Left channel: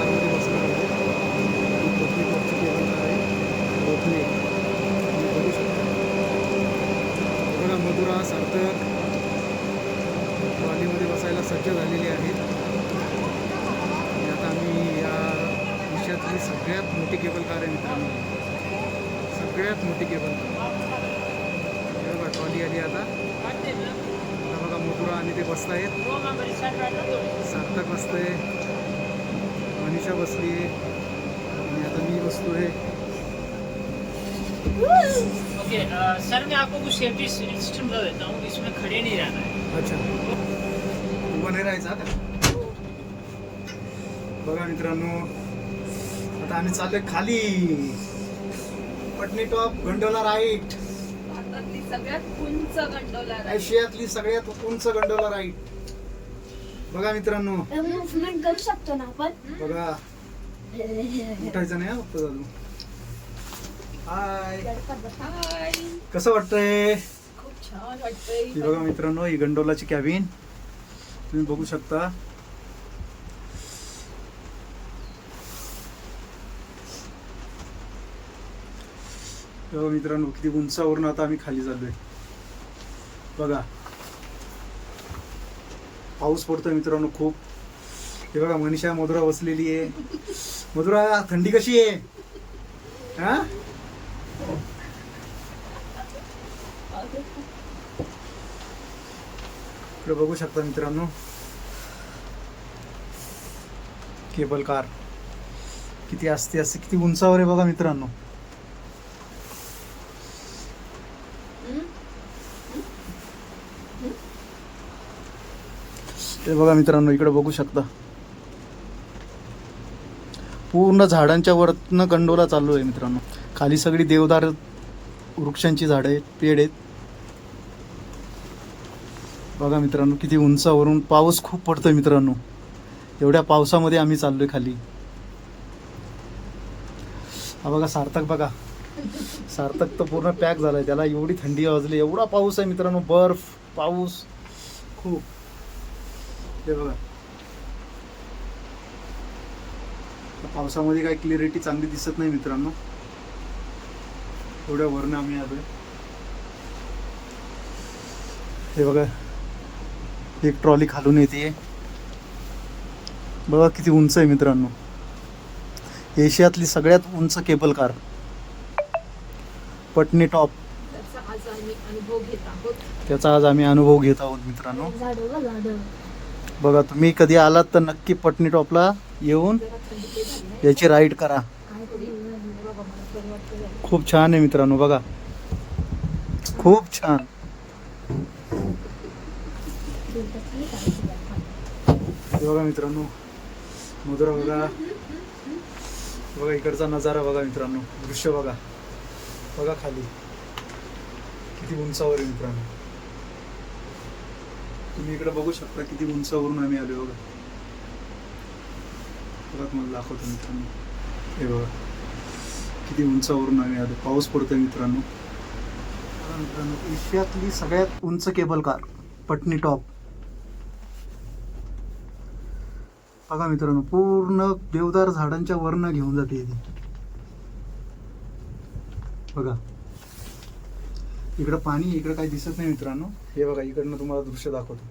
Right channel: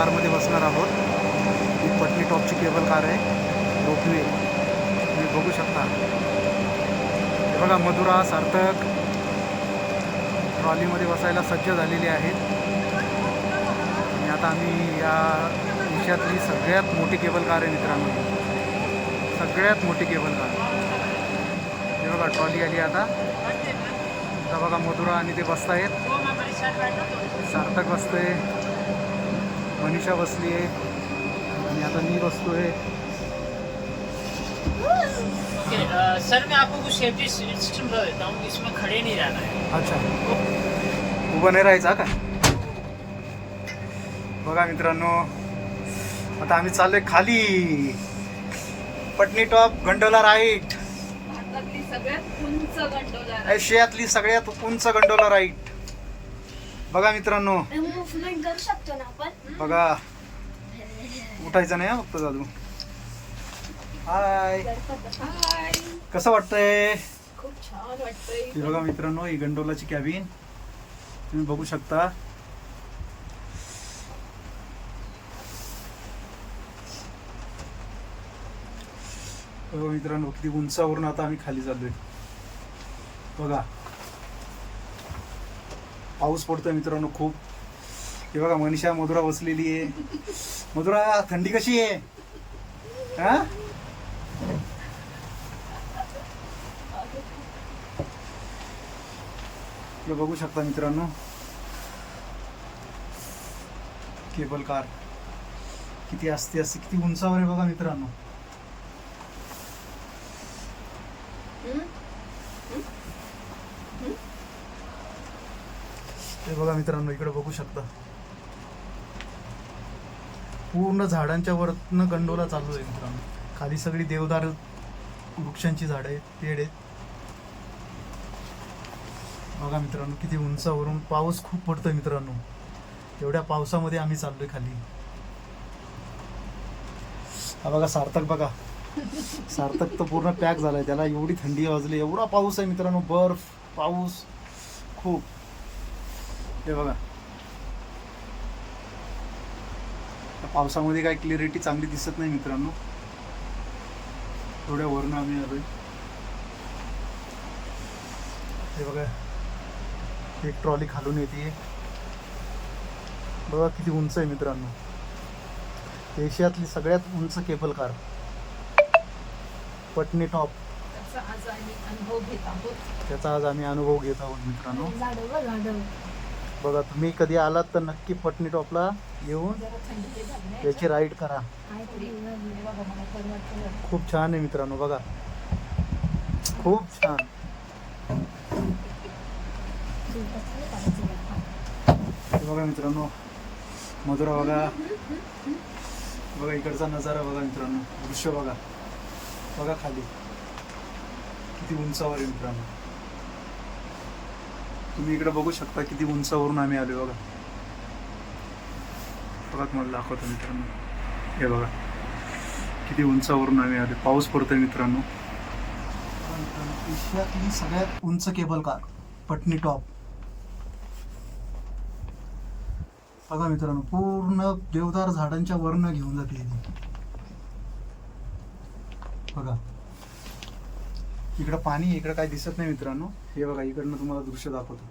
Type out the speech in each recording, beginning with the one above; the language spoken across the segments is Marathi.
कारमध्ये बसणार आहोत. ही पटनी टॉपची केबल कार आहे. रोपवे. तुम्ही बघू शकता. हे बघा मधुरा सार्थक. ट्रॉलीमध्ये बसायला सज्ज झालेले आहेत. आणि आता आम्ही या देशातली सगळ्यात मोठी केबल कार आहे मित्रांनो सगळ्यात मोठी केबल कार. हे बघा ट्रॉली आली आता. आता बघा मधुरा आणि ते बसतायत. सार्थक बसतंय. मनीषा बसली आहे. आणि आता मी बसतोय ये, अ, सर मैं आपको कुछ सेफ्टी सिस्टम बता देता हूँ इसमें खड़े नहीं रहना है। अच्छा. उभं नाही राहायचा का? बघा मित्रांनो आता आम्ही चाललोय खाली. पटनी टॉप गंडोला राईट भारतातली सगळ्यात उंच गंडोला आशियातली सगळ्यात उंच गंडोला राईट बघा मित्रांनो. मुवमेंट करू शकतो ना आपण बघा. उठायचं नाही हा फक्त दादू हाय कसं वाटतंय? खूप छान वाटतंय ही बघा मित्रांनो ही गंडोलाची कॅबिन तुम्ही बघू शकता. मित्रांनो किती उंचावरून आता आम्ही खाली चाललोय. बघा. पाऊस पडतोय मित्रांनो खूप. हे बघा मनीषा मधुरा बसलेली आहे. मधुरा थंडी कशी आहे? हा? इकडे बघू शकता मित्रांनो. Cable car. किती असते असते किती उंचावर आहे बघा मित्रांनो. हे बघा मित्रांनो इकडे बघू शकता. पूर्ण झाडांच्या वरतनं गंडोला चालू आहे मित्रांनो. खाली सगळी देवदार वृक्षांची झाडं आहेत पेड आहेत. बघा मित्रांनो किती उंचावरून पाऊस खूप पडतोय मित्रांनो. एवढ्या पावसामध्ये आम्ही चाललोय खाली. हा बघा सार्थक बघा. सार्थक तर पूर्ण पॅक झालाय. त्याला एवढी थंडी वाजली. एवढा पाऊस आहे मित्रांनो बर्फ पाऊस खूप. हे बघा. पावसामध्ये काय क्लिअरिटी चांगली दिसत नाही मित्रांनो. एवढ्या वरनं आम्ही आलोय. हे बघा. एक ट्रॉली खालून येते. बघा किती उंच आहे मित्रांनो. एशियातली सगळ्यात उंच केबल कार पटनी टॉप त्याचा आज आम्ही अनुभव घेत आहोत. मित्रांनो. बघा तुम्ही कधी आलात तर नक्की पटणी टॉपला येऊन याची राईड करा. खूप छान आहे मित्रांनो बघा. खूप छान. बघा मित्रांनो मधुरा बघा. बघा इकडचा नजारा बघा मित्रांनो दृश्य बघा. बघा खाली. किती उंचावर आहे मित्रांनो. तुम्ही इकडे बघू शकता किती उंचावरून आम्ही आलो बघा. बघा तुम्हाला दाखवतो मित्रांनो. हे बघा. किती उंचावरून आम्ही आलो पाऊस पडतोय मित्रांनो. मित्रांनो एशियातली सगळ्यात उंच केबल कार पटनी टॉप. बघा मित्रांनो पूर्ण देवदार झाडांच्या वरनं घेऊन जाते ती बघा. इकडं पाणी इकडं काही दिसत नाही मित्रांनो. हे बघा इकडनं तुम्हाला दृश्य दाखवतो.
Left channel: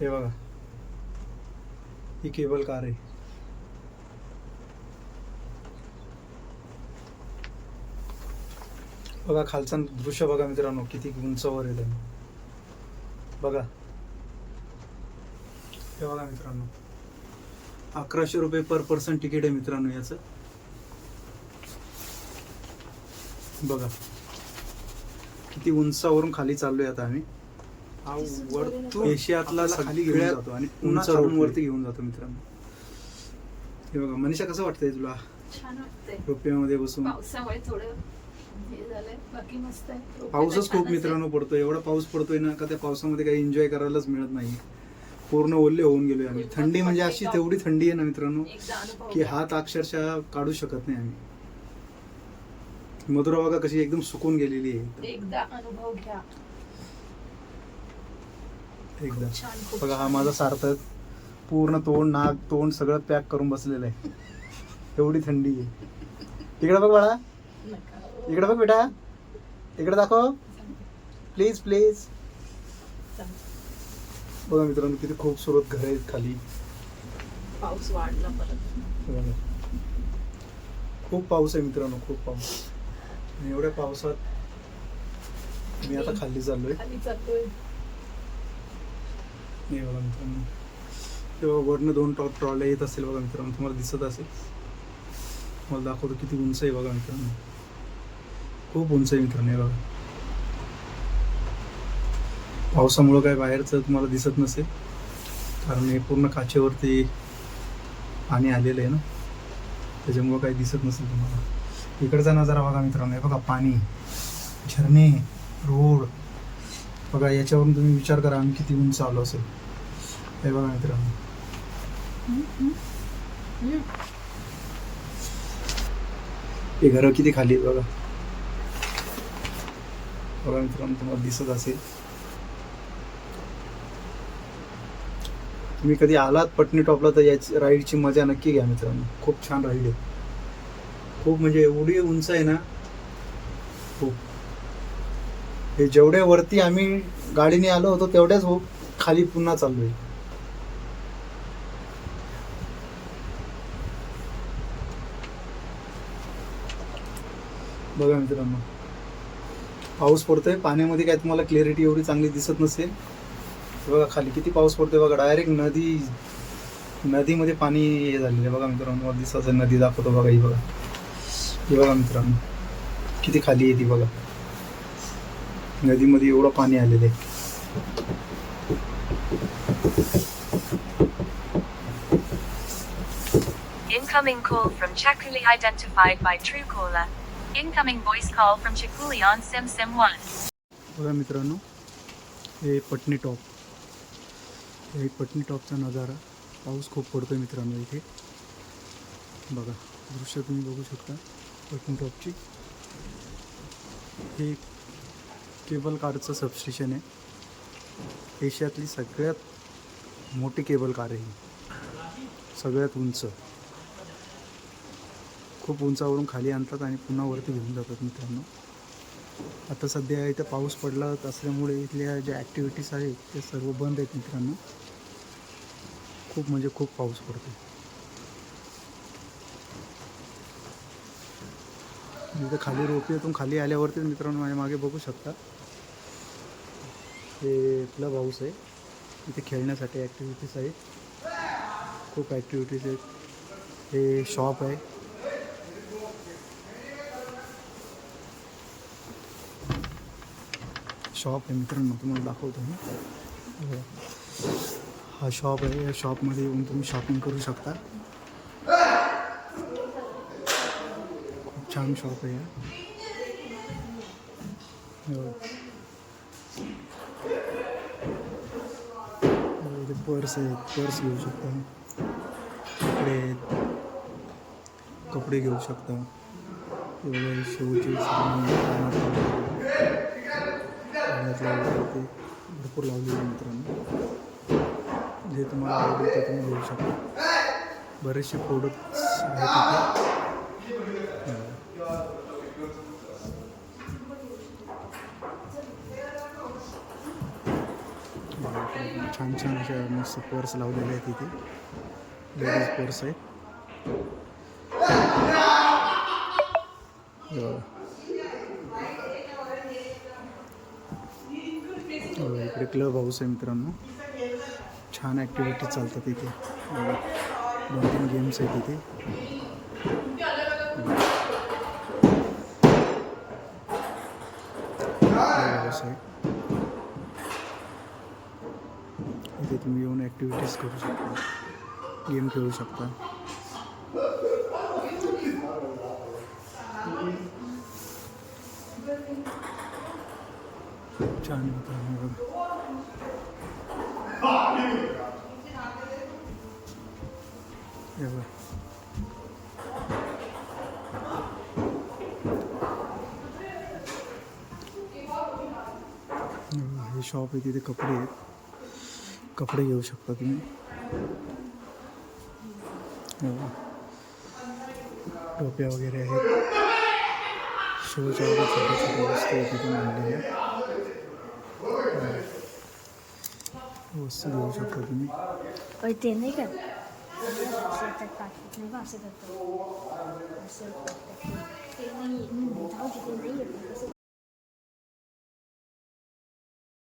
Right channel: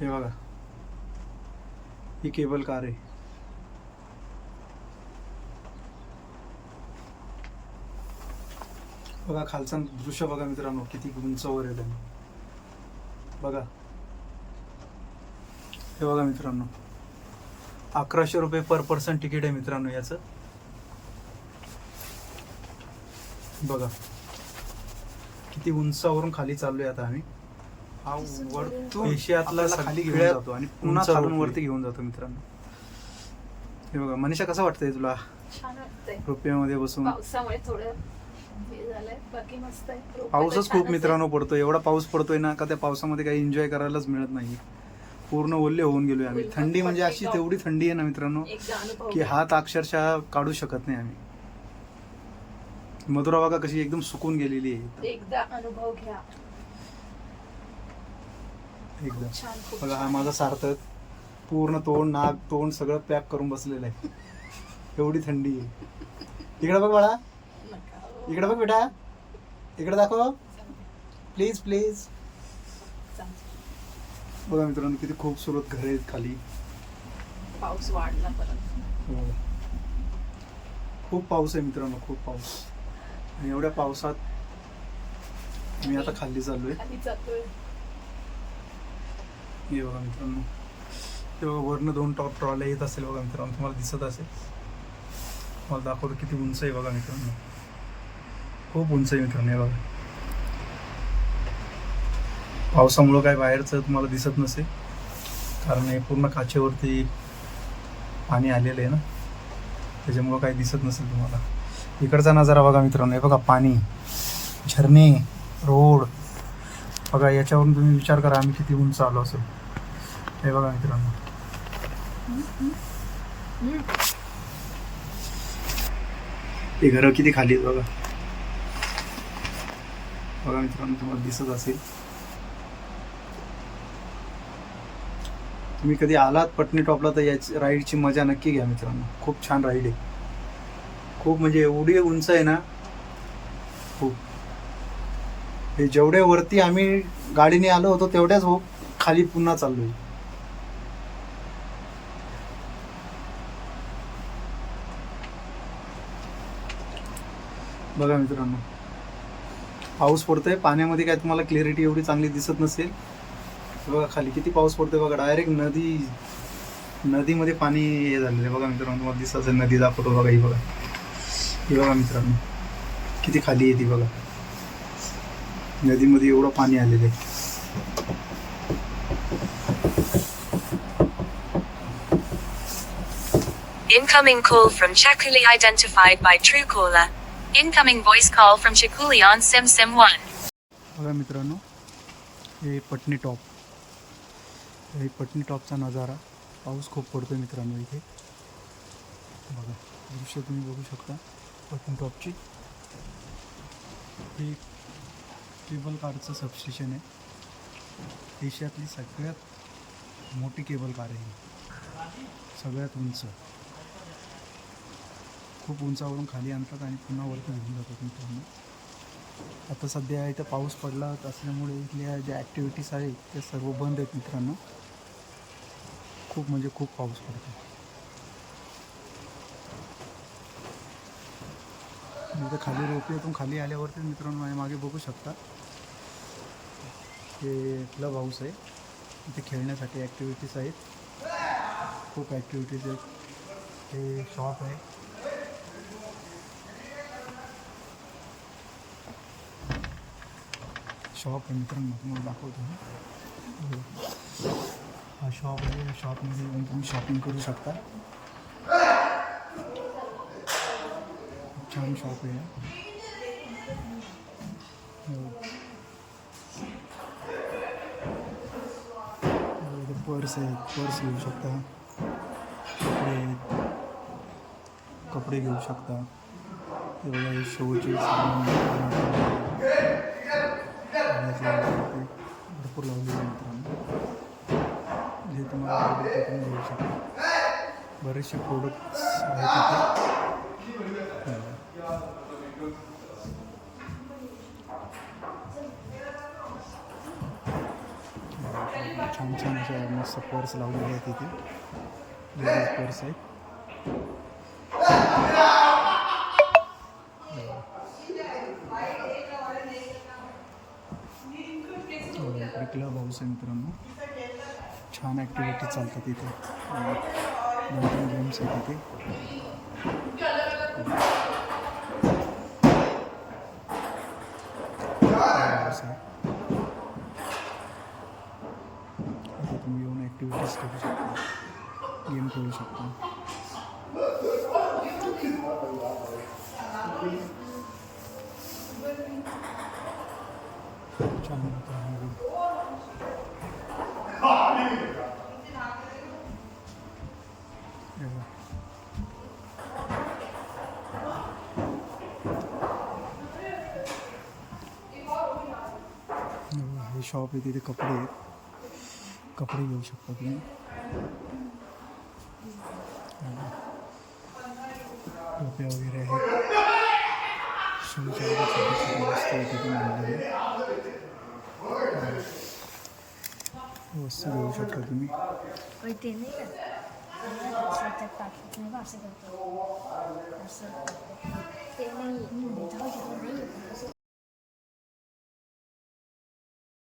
हे बघा. ही केबल कार आहे. बघा खालचं दृश्य बघा मित्रांनो किती उंचावर आहे त्यांनी. बघा. हे बघा मित्रांनो. अकराशे रुपये पर पर्सन तिकीट आहे मित्रांनो याचं. बघा. किती उंचावरून खाली चाललोय आता आम्ही. हा वरतून एशियातला खाली घेऊन जातो आणि पुन्हा खालून वरती घेऊन जातो मित्रांनो. हे बघा मनीषा कसं वाटतंय तुला? छान वाटतंय. रुपयामध्ये बसून. पावसामुळे थोडं हे झालंय. बाकी मस्त आहे. पाऊसच खूप. मित्रांनो पडतो एवढा पाऊस पडतोय ना का त्या पावसामध्ये काही एन्जॉय करायलाच मिळत नाही. पूर्ण ओल्ले होऊन गेलोय आम्ही. थंडी म्हणजे अशी तेवढी थंडी आहे ना मित्रांनो की हात अक्षरशः काढू शकत नाही आम्ही. मधुरा बघा कशी एकदम सुकून गेलेली आहे. एकदम. एकदा अनुभव घ्या. एकदम बघा हा. माझा सार्थक. पूर्ण तोंड नाक तोंड सगळं पॅक करून बसलेलं आहे. एवढी थंडी आहे. इकडे बघ बाळा. इकडे बघ बेटा. इकडे दाखव. प्लीज प्लीज बघा मित्रांनो किती खूपसुरत घर आहेत खाली. पाऊस वाढला खूप पाऊस आहे मित्रांनो खूप पाऊस. आणि एवढ्या पावसात मी आता खाली चाललोय. हे बघा मित्रांनो. तेव्हा वरनं दोन टॉप ट्रॉल्या येत असेल बघा मित्रांनो. तुम्हाला दिसत असेल. मला दाखवतो किती उंच आहे बघा मित्रांनो. खूप उंच आहे मित्रांनो हे बघा. पावसामुळं काय बाहेरचं तुम्हाला दिसत नसेल. कारण हे पूर्ण काचेवरती पाणी आलेलं आहे ना. त्याच्यामुळं काही दिसत नसेल तुम्हाला. इकडचा नजारा बघा मित्रांनो. हे बघा पाणी झरणे रोड. बघा याच्यावरून तुम्ही विचार करा आम्ही किती उंच आलो असेल. हे बघा मित्रांनो. हे घरं किती खाली आहेत बघा. बघा मित्रांनो तुम्हाला दिसत असेल. तुम्ही कधी आलात पटणी टॉपला तर याची राईडची मजा नक्की घ्या मित्रांनो. खूप छान राईड आहे. खूप म्हणजे एवढी उंच आहे ना. खूप. हे जेवढ्या वरती आम्ही गाडीने आलो होतो तेवढ्याच हो खाली पुन्हा चाललोय. बघा मित्रांनो. पाऊस पडतोय. पाण्यामध्ये काय तुम्हाला क्लॅरिटी एवढी चांगली दिसत नसेल. बघा खाली किती पाऊस पडतोय बघा. डायरेक्ट नदी नदीमध्ये पाणी हे झालेलं आहे. बघा मित्रांनो तुम्हाला दिसत असेल नदी दाखवतो बघा ही बघा. ही बघा मित्रांनो. किती खाली आहे ती बघा. नदीमध्ये एवढं पाणी आलेलं आहे. Incoming call from Chakuli identified by Truecaller. Incoming voice call from Chakuli on SimSim1. बघा मित्रांनो हे पटणी टॉप. हे पटणी टॉपचा नजारा. पाऊस खूप पडतोय मित्रांनो इथे. बघा दृश्य तुम्ही बघू शकता. पटणी टॉपची. हे केबल कारचं सबस्टेशन आहे. एशियातली सगळ्यात मोठी केबल कार आहे ही. सगळ्यात उंच. खूप उंचावरून खाली आणतात आणि पुन्हा वरती घेऊन जातात मित्रांनो. आता सध्या इथं पाऊस पडला असल्यामुळे इथल्या ज्या ॲक्टिव्हिटीज आहेत त्या सर्व बंद आहेत मित्रांनो. खूप म्हणजे खूप पाऊस पडतो इथं खाली रोपीतून खाली आल्यावरती मित्रांनो माझ्या मागे शकता. हे क्लब हाऊस आहे. इथे खेळण्यासाठी ॲक्टिव्हिटीज खूप ॲक्टिव्हिटीज आहेत. हे शॉप आहे. शॉप आहे मित्रांनो, तुम्हाला दाखवतो मी. हा शॉप या शॉपमध्ये येऊन तुम्ही शॉपिंग करू शकता. छान शॉप आहे इथे पर्स आहेत. पर्स घेऊ शकता. कपडे आहेत. कपडे घेऊ शकता. ते बघा हे शोचे सामान ते भरपूर लावलेले मित्रांनो. जे तुम्हाला आवडेल ते तुम्ही घेऊ शकता. बरेचसे प्रोडक्ट्स आहेत तिथे हे बघा. बघा, छान छान अशा मस्त पर्स लावलेले आहेत इथे. लेडीज पर्स आहेत. हो. हो, इकडे क्लब हाऊस आहे मित्रांनो. छान ॲक्टिव्हिटी चालतात इथे. दोन तीन गेम्स आहेत इथे क्लब हाऊस आहे इथे तुम्ही येऊन ॲक्टिव्हिटीज करू शकता. गेम खेळू शकता. छान आहे हे शॉप आहे तिथे कपडे आहेत. कपडे घेऊ शकता तुम्ही. टोप्या वगैरे आहेत. सगळं छोटे छोटे वस्तू तिथे वस्तू घेऊ शकता तुम्ही. ते नाही असं नाही